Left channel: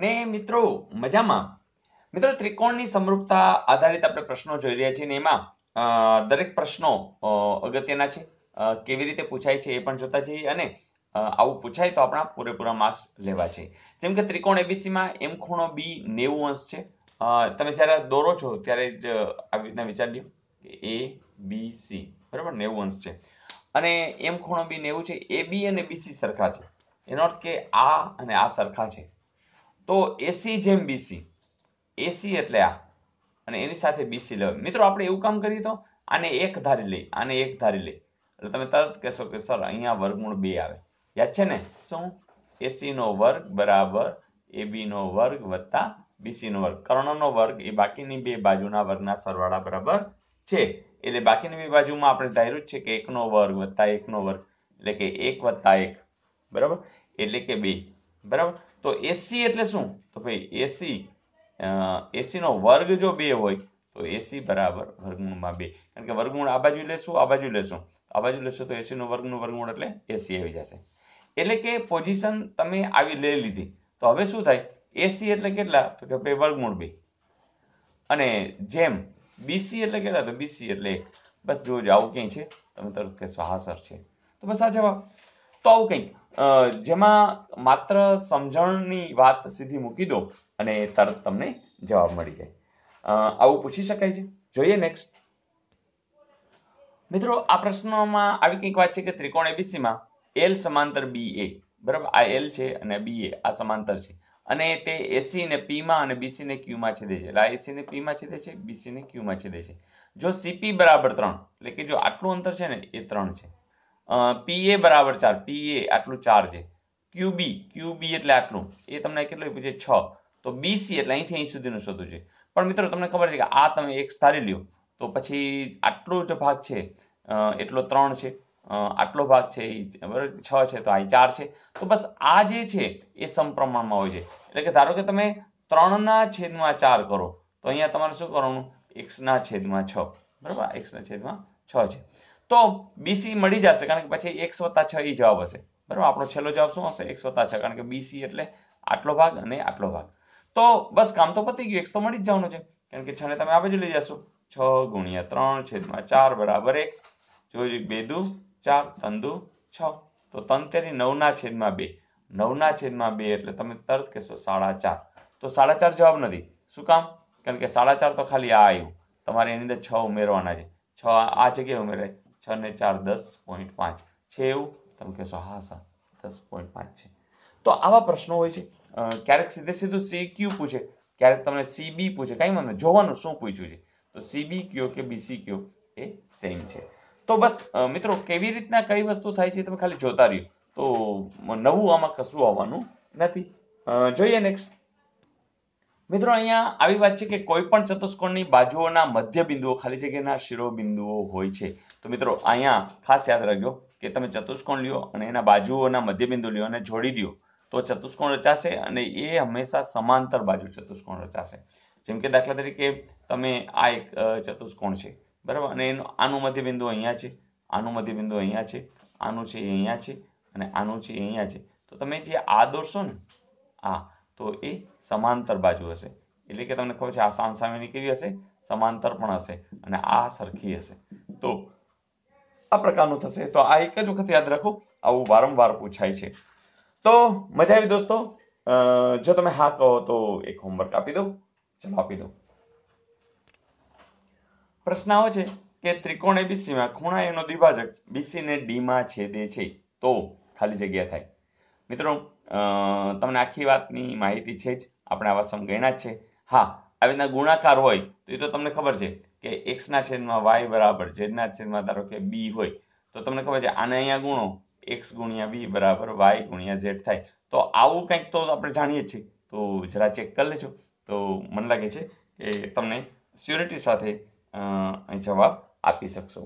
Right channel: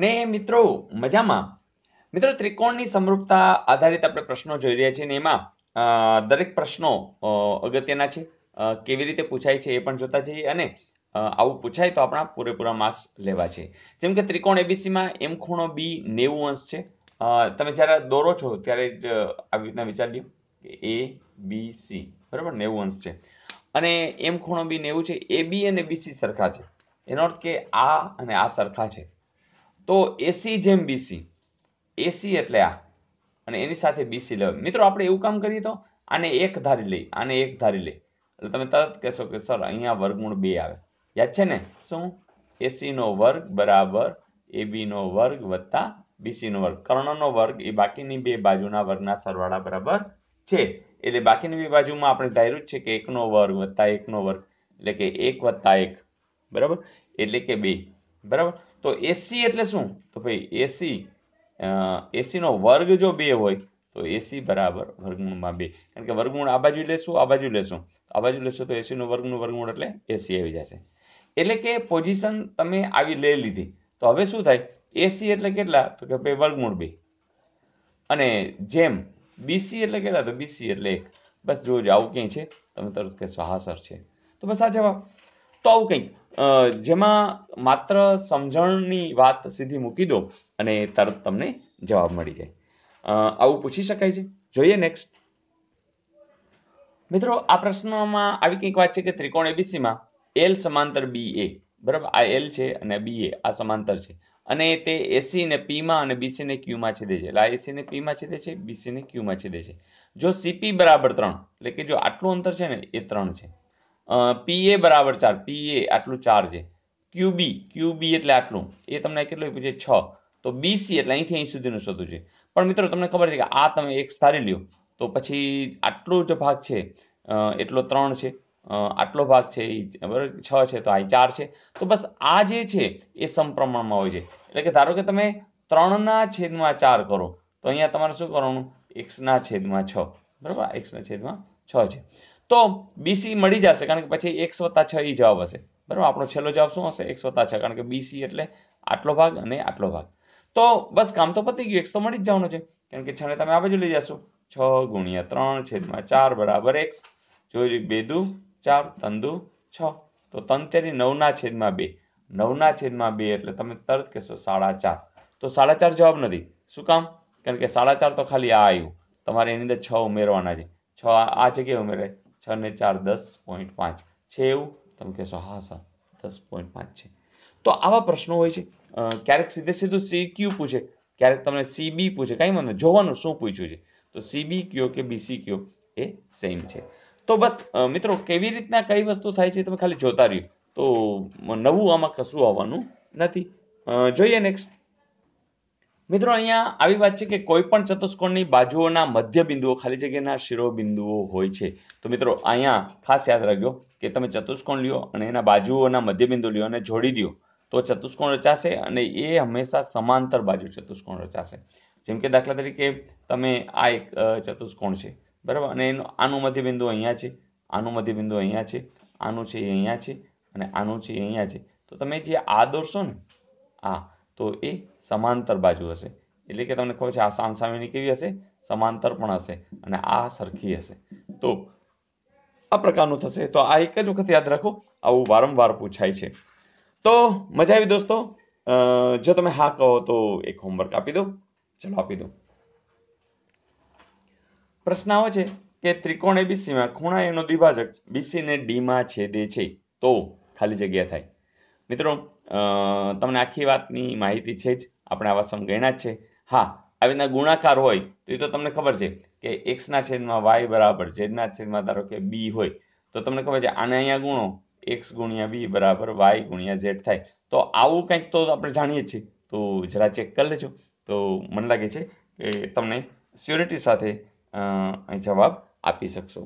ને મિત્રો મજામાં? મિત્રો ત્રિકોણની સમરૂપતા આધારિત આપણે પ્રશ્નો જોઈ રહ્યા છીએ ને એમાં દરેક પ્રશ્નો અગત્યના છે. કેવી રીતે પૂછાય છે એ પણ જોતા જઈએ અને આવું પૂછાય તો આપણા પૂરેપૂરા માર્ક્સ લેવા છે. જેમ કે ત્રિકોણ એબીસીમાં એમ ખૂણો બી 90 અંશ છે. તમે જ્યારે દોરો છો ત્યારે જ આવી રીતના વિચારી લો કે એ બી સી બરાબર 90 અંશ છે અને એમ ખૂણો બી 90 છે. એ બી અને બીસી સરખા છે, એનો અર્થ કે આ અને આ સરખા છે. તો એસી જેમ બીસી, એસી એટલે આ અને એની સાથે બીસી લેવાય. મિત્રો આપણે એવું કામ કરીએ તો આને એક ધારી લઈ, આને એક ધારી લઈ એટલે તમે તરત કહેશો કે સર અહીંયા વર્ગમૂળ 2 આવે. યાદ છે ને? શું? એસી નો વર્ગ બરાબર એબી નો વર્ગ વત્તા બીસી નો વર્ગ. કર્ણનો વર્ગ એ બાકીની બે બાજુના વર્ગના સરવાળા બરાબર છે. એટલે બાકીની બે બાજુમાં આપણે ધાર્યું જ છે કે 1 નો વર્ગ વત્તા 1 નો વર્ગ એટલે કે 1 વત્તા 1 બરાબર એટલે કે 2 બરાબર. તો એસી એટલે શું? તો ભાઈ એસી નો વર્ગ જો 2 હોય તો એસી બરાબર વર્ગમૂળમાં 2, કારણ કે વર્ગમૂળ આ બાજુ લેશું આ બાજુ લેશું આ બાજુ લેશું તો એસી નો વર્ગનું વર્ગમૂળ એટલે એસી આવી જશે. એટલે કે પોઝિશન તમે આવી લઈ લીધી. તો હવે શું થાય? એસી એટલે કેટલા? તો કે ભાઈ વર્ગમૂળ 2 અને જેમ બીસી એટલે કેટલા? તો બીસી એટલે 1. બસ જોજો આવું ક્યાંય છે? તમે તરત કહેશો હા સર છે. તો બસ આ જવાબ. તો આવું કંઈક જેમાં માત્ર સમજણની વાત સીધી મૂકી દો અને તરત તમને જવાબ મળી જાય. આવું પૂછી શકાય છે. જોઈએ નેક્સ્ટ. મિત્રો આ પ્રશ્નમાં આવી કંઈક વાત છે કે ત્રિકોણ એબીસીમાં એલ સમાંતર બી એ બરાબર. આ એલ છે અને બી એ આ સમાંતર છે અને તે એસી ને પી માં અને બીસી ને ક્યુ માં છેદે છે. એટલે આ એસી ને પી માં છેદે છે, બીસી ને ક્યુ માં છેદે છે. જો સીપી બરાબર 3 એટલે કે જો આટલું અંતર છે ને એ 3 છે, પીએ બરાબર 4, પીએ આટલું 4 છે, ક્યુબી એટલે આટલું એ તમને કેટલું પૂછે 6, તો બીસી એટલે અહીંથી અહીં સુધીનું શોધવું છે. પણ મિત્રો તમને ખબર છે કે આ તમે એક્સ ધારી લ્યો તો પછી આટલો જ ભાગ છે એટલો 3 છે, આટલો ભાગ છે એ બરાબર 6 છે તો અહીં 4 છે. તો બસ આ જે છે એ સમપ્રમાણમાં હોય છે. એટલે કે ધારો કે તમે 3/4 કરો તો અહીંયા તમારે શું કરવાનું? x/6 બરાબર, x/6 છે. તો બીસી મળી જશે કારણ કે પછી x + 6 એ જવાબ હશે બરાબર. આપણો છેલ્લો જવાબ શું હશે? x + 6, કારણ કે બીસી એટલે આટલો ભાગ અને આટલો ભાગ. તો બસ કામ તો પતી ગયું, x તો મળી જ જવાનું છે કારણ કે 6 ને તમે આ બાજુ લઈ જશો. 6 × 3/4 બરાબર x. જોઈ 2 દુ 4, 3 દુ 6, તો 3 × 9/2, 9/2 એટલે તમે તરત કહેશો 4.5. તો 4.5 જવાબ નથી. શું કામ? કારણ કે 4.5 તો ખાલી આ આવ્યું, તમારે એની અંદર 6 ઉમેરવાના છે. 6 આ જગ્યાએ ઉમેરાય. 6 ને 4 10.5 છે એવું? તમે કહેશો હા સર 10.5 છે. તો આવા પ્રશ્નો હોય છે. ક્યારેક સીધે સીધું CQ પૂછે, ક્યારેક તમને CB પૂછે. કઈ વાંધો જોવાનું શું પૂછ્યું છે. તો CB કયો કે BC કયો એ સેમ છે. તો બસ મિત્રો કેવી રીતના કઈ વસ્તુ થાય છે તમે ખાલી જોતા રહ્યો તો નવું આમાં કશું આવવાનું નથી. જોઈએ નેક્સ્ટ. મિત્રો અહીંયા આવી વાત છે કે કોઈ પણ ચતુષ્કોણની બાજુઓના મધ્ય બિંદુઓ ખાલી જગ્યાના શિરોબિંદુઓ હોય છે. તો મિત્રો અહીંયા ખાસ યાદ રાખજો કે તમે ચતુષ્કોણ લ્યો અને એના બાજુઓના મધ્ય બિંદુ લ્યો અને જોડી દો તો ચતુષ્કોણ રચાશે અને એ હંમેશા સમાંતર બાજુ ચતુષ્કોણ રચાશે. જેમ કે દાખલા તરીકે તમે આ એક ચતુષ્કોણ છે બરાબર અને આનું મધ્ય બિંદુ અહીંયા છે, આનું મધ્ય બિંદુ અહીંયા છે, આનું છે એ અહીંયા છે અને આનું છે એ અહીંયા છે. તો તમે જે આ દોરશો ને આ, તો એ સમાંતર બાજુ હશે. એટલે કે તમને ખબર છે આ સામસામેની કેવી હશે? સમાંતર પણ હશે અને આ સરખી હશે. તો આ પ્રકારનું થશે. તો આ એક જ વખત યાદ રાખો, આવું વારંવાર પૂછાય છે. તો મજા આવી દોસ્તો? જો તમે હા કહો તો એક હોમવર્ક આપી દો. ચલો આપી દો. પ્રશ્ન આવે છે કે ત્રિકોણ એબીસીમાં ખૂણા એનો દ્વિભાજક બીસી ને ડી માં છેદે છે તો ખાલી જગ્યા થાય. મિત્રો તમને આખી વાતની માહિતી છે જ, આપણે આવા સમ ગણ્યા જ છે. હા, આવી રીતના ગુણાકાર હોય તો એ તો તમને ખબર છે કે x/y બરાબર z/, ધારો કે b હોય તો તમને ખબર છે આને અહીંયા ગુણો x × b બરાબર y × z થાય. તો આવું કંઈક તો આપણે જાણીએ છીએ. તો જરા ચેક કરી લેજો. તો મને લાગે છે કે તમને સ્યોરિટી સાથે જવાબ આપી શકશો.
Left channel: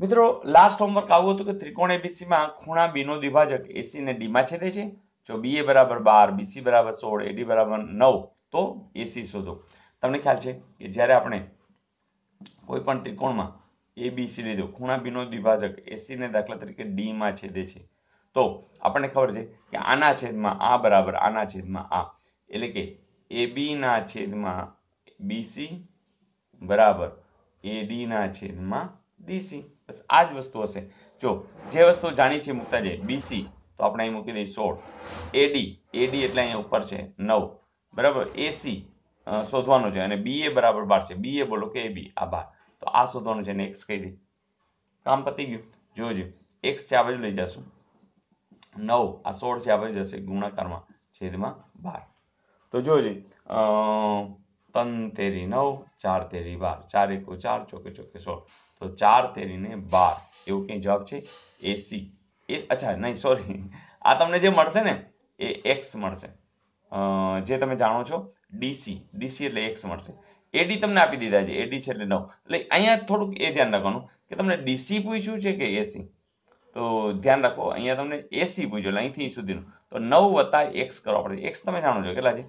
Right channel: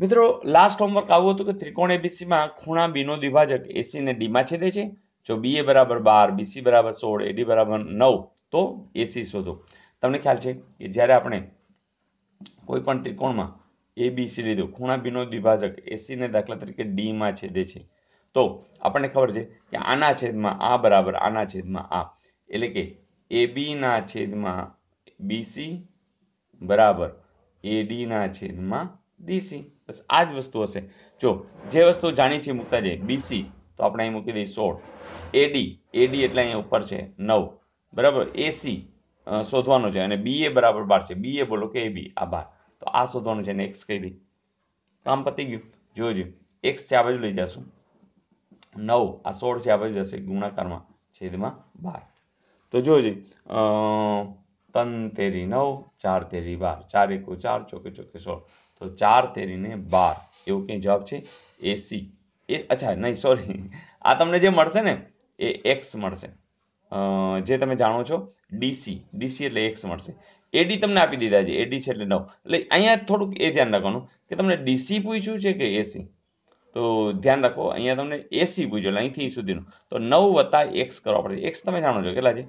મિત્રો લાસ્ટ હોમવર્ક આવું હતું કે ત્રિકોણ એબીસીમાં ખૂણા બી નો દ્વિભાજક એસી ને ડી માં છેદે છે. જો BA બરાબર 12, BC બરાબર 16, AD બરાબર 9 તો AC શોધો. તમને ખ્યાલ છે કે જ્યારે આપણે કોઈ પણ ત્રિકોણમાં ABC લીધો, ખૂણા બી નો દ્વિભાજક AC ને દાખલા તરીકે D માં છેદે છે તો આપણને ખબર છે કે આના છેદમાં આ બરાબર આના છેદમાં આ, એટલે કે AB ના છેદમાં BC બરાબર AD ના છેદમાં DC. બસ આ જ વસ્તુ હશે. જો જે વસ્તુ જાણી છે મૂકતા જઈએ. BC તો આપણે અહીં મૂકી દઈએ 16, AD એટલે અહીંયા ઉપર છે 9 બરાબર, AC શોધવાનું છે અને BA બરાબર 12 છે. BA બોલો કે AB આ 12, તો આ શોધવાનું છે અને x કહી દઈ, કામ પતી ગયું. જોજો x છે આ બાજુ લઈ જશું, 9 આ 16 છે આ બાજુ જશે ગુણાકારમાં છેદમાં 12. તો જોજો 3 તેરી 9, 4 તેરી 12, 4 એકુ 4, ચોકે ચોકે 16, તો 4 તેરીને 12 એવું કંઈ જવાબ છે AC. અચ્છા નહીં સોરી, આ તમને જે મળશે ને એ x મળશે, જે તમે જાણો છો DC એટલે x મળશે. AD તમને આપી દીધા છે, AD છે એટલે 9. એટલે અહીંયા થોડુંક એ ધ્યાન રાખવાનું કે તમને DC પૂછ્યું છે કે AC. તો ધ્યાન રાખો અહીંયા તમને AC પૂછ્યું એટલે અહીંથી સુધીનું, તો 9 + x કરવા પડે. x તમે જાણો છો કેટલા છે,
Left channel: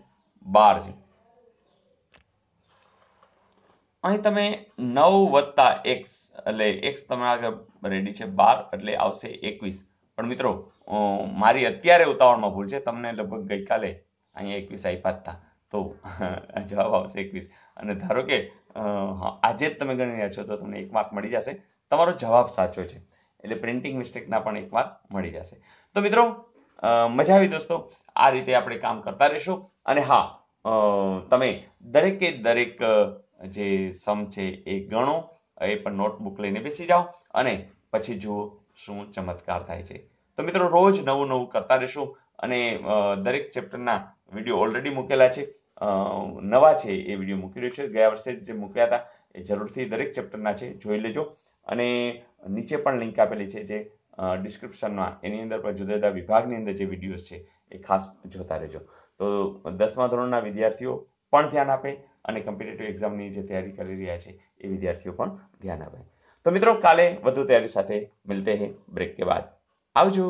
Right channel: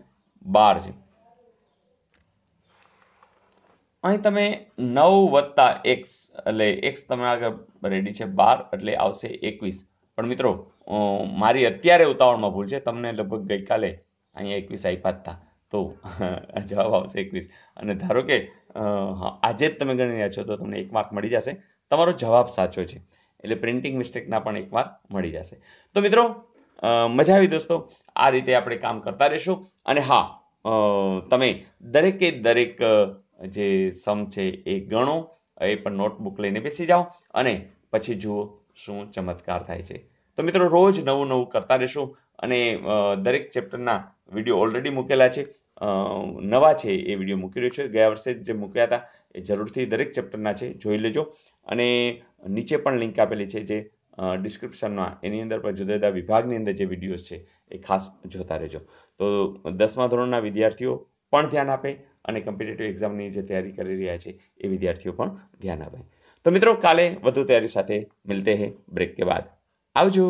12 છે. અહીં તમે 9 + x એટલે x તમે આગળ રેડી છે 12 એટલે આવશે 21. પણ મિત્રો મારી અત્યારે ઉતાવળમાં ભૂલ છે, તમને લગભગ ગઈકાલે અહીંયા 21 આપ્યા હતા, તો જવાબ આવશે 21. અને ધારો કે આજે જ તમે ગણી રહ્યા છો તો તમને 1 માર્ક મળી જશે, તમારો જવાબ સાચો છે. એટલે પ્રિન્ટિંગ મિસ્ટેકના પણ 1 માર્ક મળી જશે. તો મિત્રો મજા આવી દોસ્તો, આ રીતે આપણે કામ કરતા રહીશું. અને હા, તમે દરેકે દરેક જે સમ છે એ ગણો, એ પણ નોટબુક લઈને બેસી જાઓ અને પછી જુઓ શું ચમત્કાર થાય છે. તો મિત્રો રોજ નવું નવું કરતા રહેશું અને દરેક ચેપ્ટરના વિડીયો ઓલરેડી મૂકેલા છે, નવા છે એ વિડીયો મૂકી રહ્યો છે. ગયા વર્ષે જે મૂક્યા હતા એ જરૂરથી દરેક ચેપ્ટરના છે, જોઈ લેજો. અને નીચે પણ લિંક આપેલી છે જે ડિસ્ક્રિપ્શનમાં, એની અંદર પણ જુદા જુદા વિભાગની અંદર જે વિડીયોઝ છે એ ખાસ જોતા રહેજો. તો 10મા ધોરણના વિદ્યાર્થીઓ પણ ધ્યાન આપે અને કોમ્પિટિટિવ એક્ઝામની જે તૈયારી કરી રહ્યા છે એ વિદ્યાર્થીઓ પણ ધ્યાન આપે. તો મિત્રો કાલે વધુ તૈયારી સાથે મિલતે હૈ બ્રેક કે બાદ. આવજો.